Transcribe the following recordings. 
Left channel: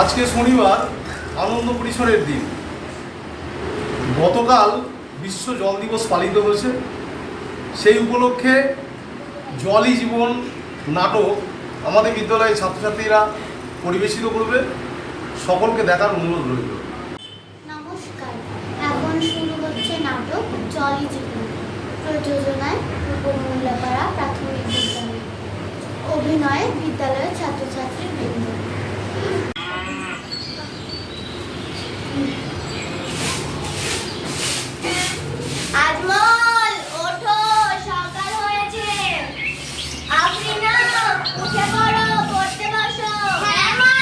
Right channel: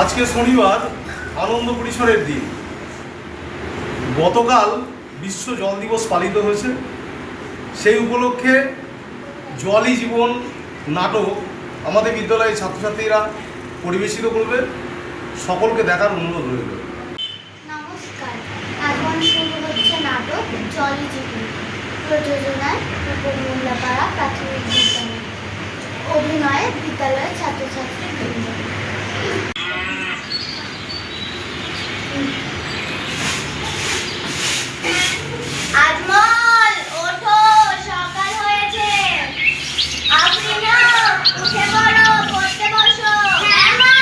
আজকে শনিবার আনন্দ পরিসরের দিন। গতকাল বিশ্ব জল দিবস পালিত হয়েছে। সেই উপলক্ষে জলই জীবন নাটক আমাদের বিদ্যালয়ের ছাত্রছাত্রীরা পরিবেশিত করবে। সকলকে দেখার অনুরোধ রইল। নমস্কার, এখন শুরু হচ্ছে নাটক জলই জীবন, প্রযোজনায় উপমূল্যাপাড়া প্রাথমিক বিদ্যালয়, অভিনয়ে বিদ্যালয়ের ছাত্রছাত্রী বৃন্দ। আজমল, ওঠো, সকাল হয়েছে। আফরিনা, উঠে পড়ো, পড়তে বসো। হ্যাঁ মা,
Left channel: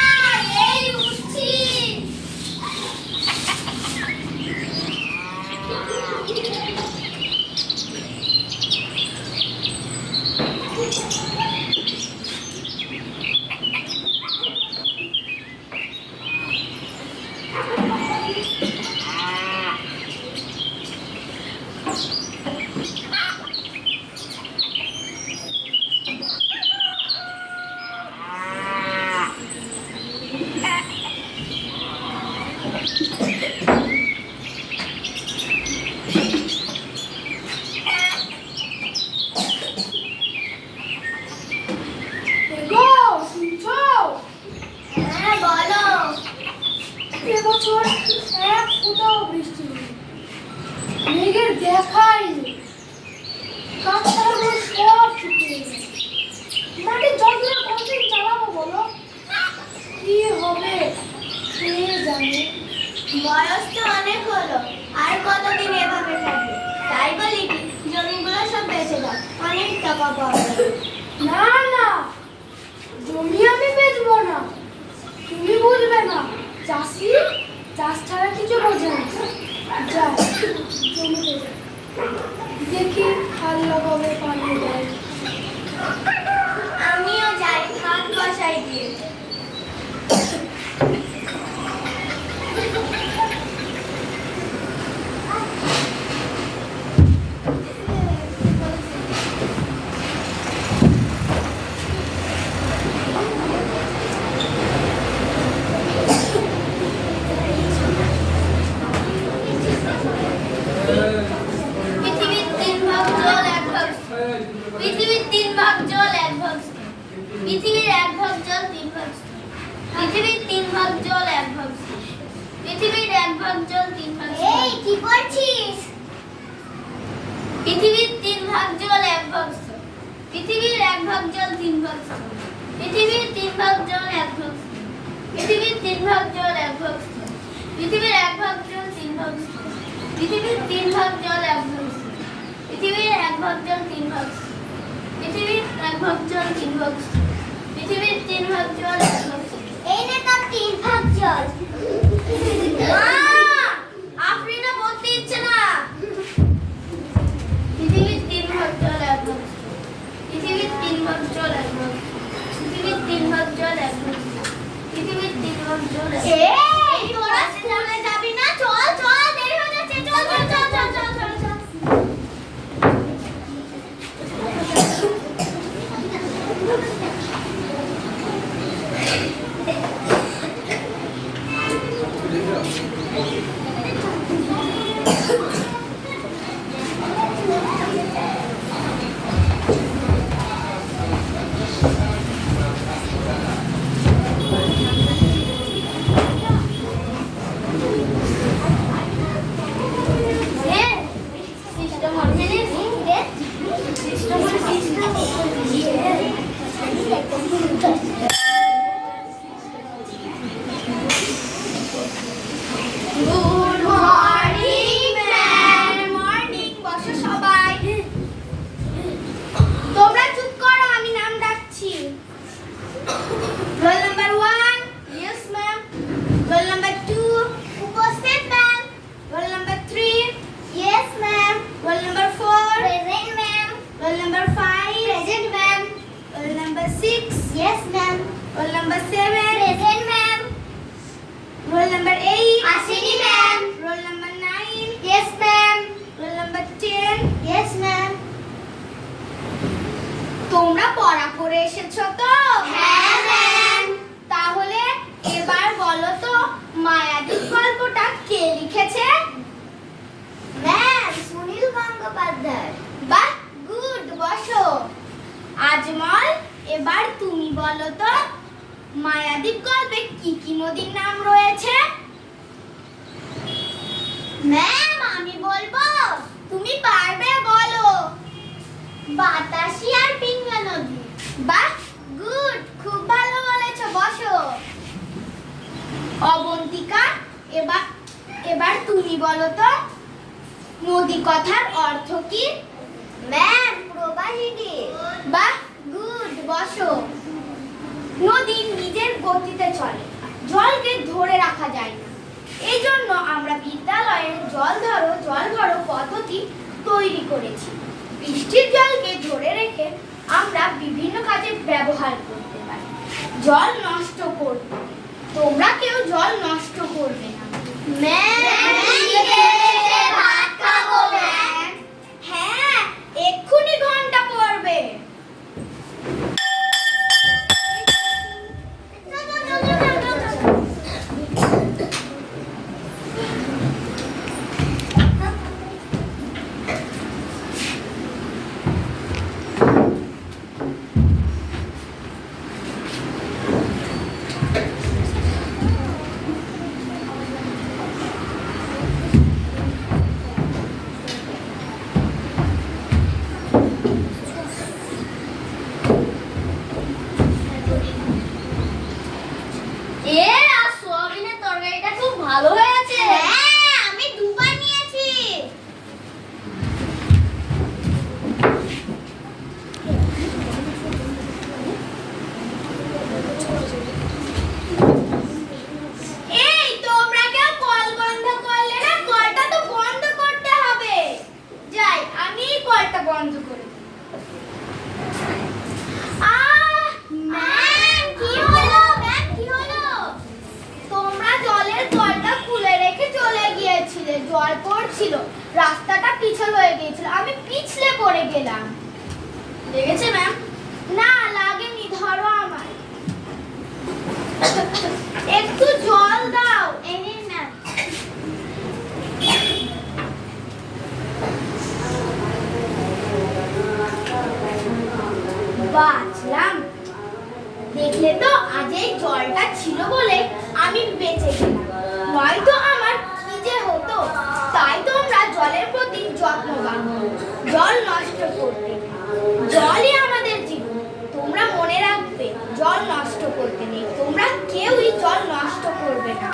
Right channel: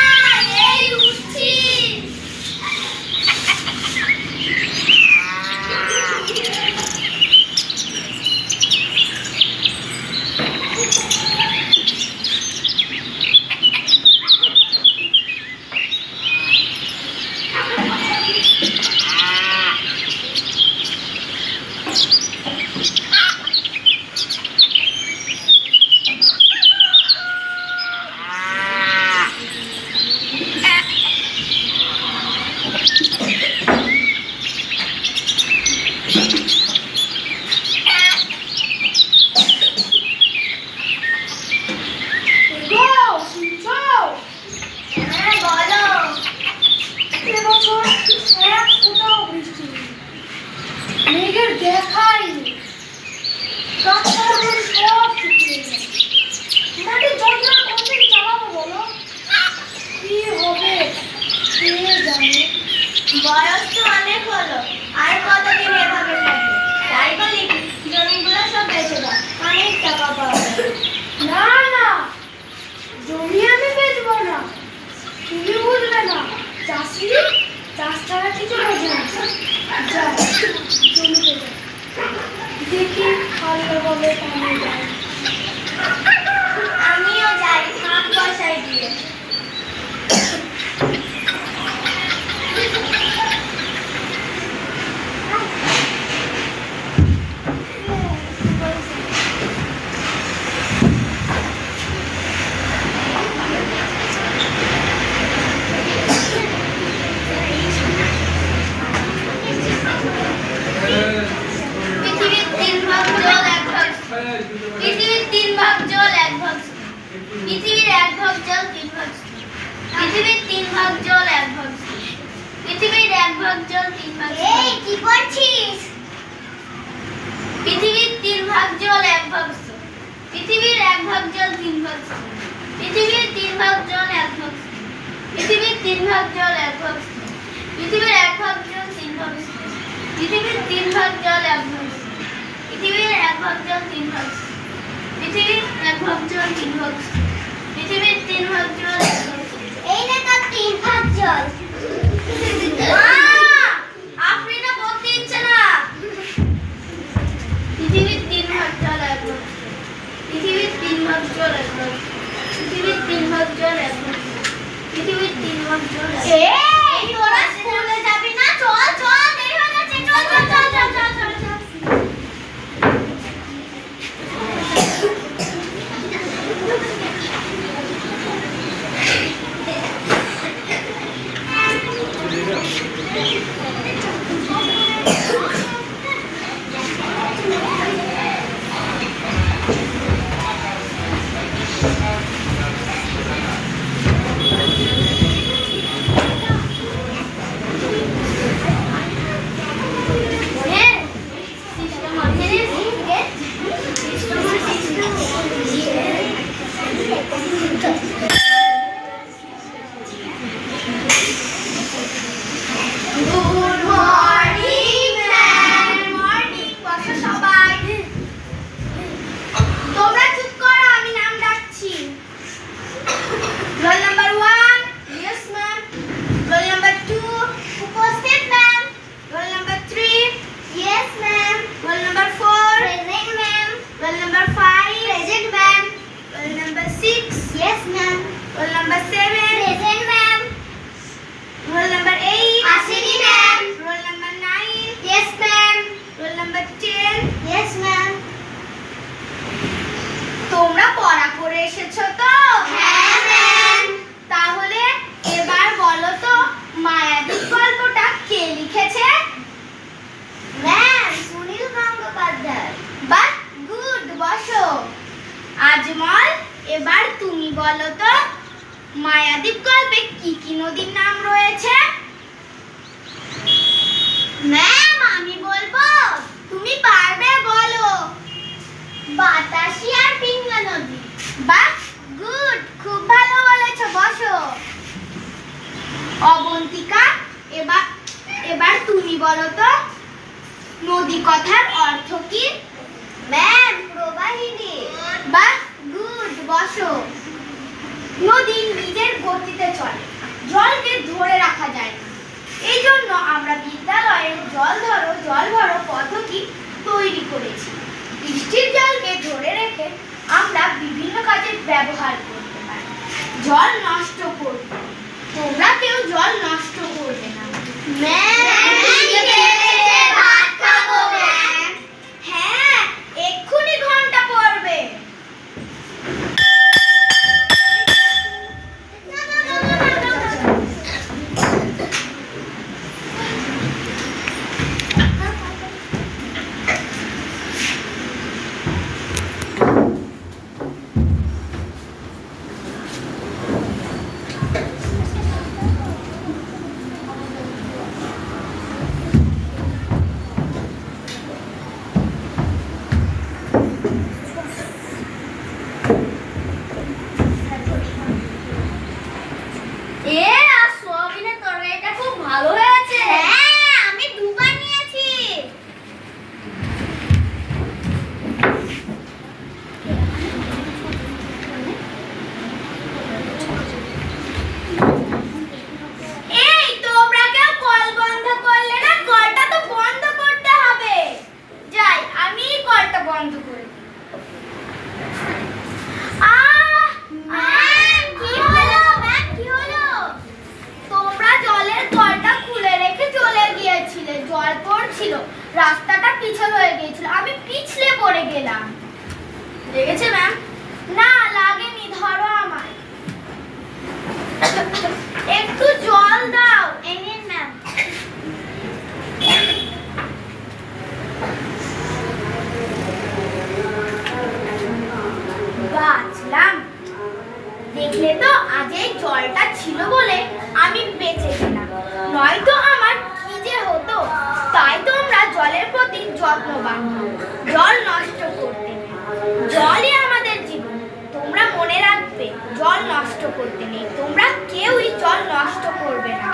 এই উঠছি। মেঘের দেখাই নেই, গাছপালাগুলো সব শুকিয়ে গেছে। মাটির জলগুলো কতদিন চালাবো বলো? কি হবে কে জানে। বয়স তো অনেক হলো, আর কতদিন এভাবে থাকবে? তাই বলি জমিগুলো সব বেচে দাও, অনেক টাকা পাওয়া যাবে। না না, জমি আমি বেচবো না, তুমি বুঝবে না। চাষি চাষ ছাড়া কিছু বোঝে না। যাও জমিতে দেখি খাল্লা কবে পানি দেয়। আমিও যাই মাঠ বসাই দিয়ে। পৃথিবীর এক ভাগ জল তিন ভাগ স্থল। পৃথিবীর তিন ভাগ জল এক ভাগ স্থল। পৃথিবীর এক ভাগ জল তিন ভাগ স্থল। এই কি করছিস? পৃথিবীর তিন ভাগ জল এক ভাগ স্থল। পৃথিবীর এক ভাগ জল তিন ভাগ স্থল। পৃথিবীর তিন ভাগ জল এক ভাগ স্থল। পৃথিবীর তিন ভাগ জল এক ভাগ স্থল। পৃথিবীর এক ভাগ জল তিন ভাগ স্থল। পৃথিবীর তিন ভাগ জল এক ভাগ স্থল। পৃথিবীর এক ভাগ জল তিন ভাগ স্থল। পৃথিবীর এক ভাগ জল তিন ভাগ স্থল। পৃথিবীর তিন ভাগ জল এক ভাগ স্থল। এই না তার তিন ভাগ জল। আফরিনা বলতে ইচ্ছে না। পৃথিবীর তিন ভাগ জল এক ভাগ স্থল। পৃথিবীর তিন ভাগ জল এক ভাগ স্থল। পৃথিবীর তিন ভাগ জল এক ভাগ স্থল। পৃথিবীর তিন ভাগ জল। এই তোরা স্কুলে যাবি না? চল চল, দেরি হয়ে যাচ্ছে। চল চল চল চল চল চল। Roll number 7. Present, ma'am. Roll number 8. Ashini, ma'am. Roll number 9. Yes, ma'am. Roll number 10. Yes, ma'am. তোমরা পড়া করে এসেছো তো? হ্যাঁ, ম্যাম। তাহলে এবার বলো তো মায়াদ্বীপ গল্পে কি কি নদীর নাম রয়েছে? ম্যাম আমি বলবো, তুমি পারবে, বলো। বাতাসি আর পিঙ্গলা নদী। বাহ, গুড, খুব ভালো বলেছো, বসো। অবন্তিকা, এবার এবার তুমি বলো তো নদী কথার অর্থ কি? ম্যাম প্রবাহিনী। বাহ, গুড, বসো। নদী নিজের গতিতে চলে, জলকে ধরে রাখা যায় না। এই জন্য আমরা বিদ্যালয়ে জল ধরো জল ভরো পদ্ধতি তৈরি করেছি। বৃষ্টির জলকে ধরে রেখে আমরা বিভিন্ন কাজে ব্যবহার করতে পারি। জল নষ্ট করবে, তোমরা কেউ জল নষ্ট করবে না। ভাত খাবো ম্যাম। হ্যাঁ, এক্ষুনি ঘন্টা পড়বে। আর সোয়াবিনের তরকারিটা খুব ভালো হয়েছে। হ্যাঁ, আমি দুবার নিয়েছি। এই তোমরা কেউ কল বন্ধ করলে না? কলটা তো বন্ধ করতে হবে। যাই, আমি কলটা বন্ধ করে দিই। ম্যাম কি হলো? ম্যাম কি হলো? তোমরা জলের কলটা খুলে রেখে চলে গিয়েছিলে, জল পড়ছিল, রাস্তাটা পিছল হয়ে গিয়েছিল, আমি পিছলে পড়ে গেলাম। লেগেছে ম্যাম? না লাগেনি, ধরো আমায়। একটু জল দাও। এই নিন ম্যাম। বাঁচলাম। দেখলে তো, আজ এই জলটা ছিল বলে আমি বেঁচে গেলাম, নয়তো আমার কি যে হতো। তাই তোমরা জলের প্রতি যত্নবান হও, জল নষ্ট করতে নেই। জলই আমাদের জীবন, তোমরা মনে রাখবে, জল নষ্ট করতে নেই। তোমরা কেউই জল নষ্ট করবে না।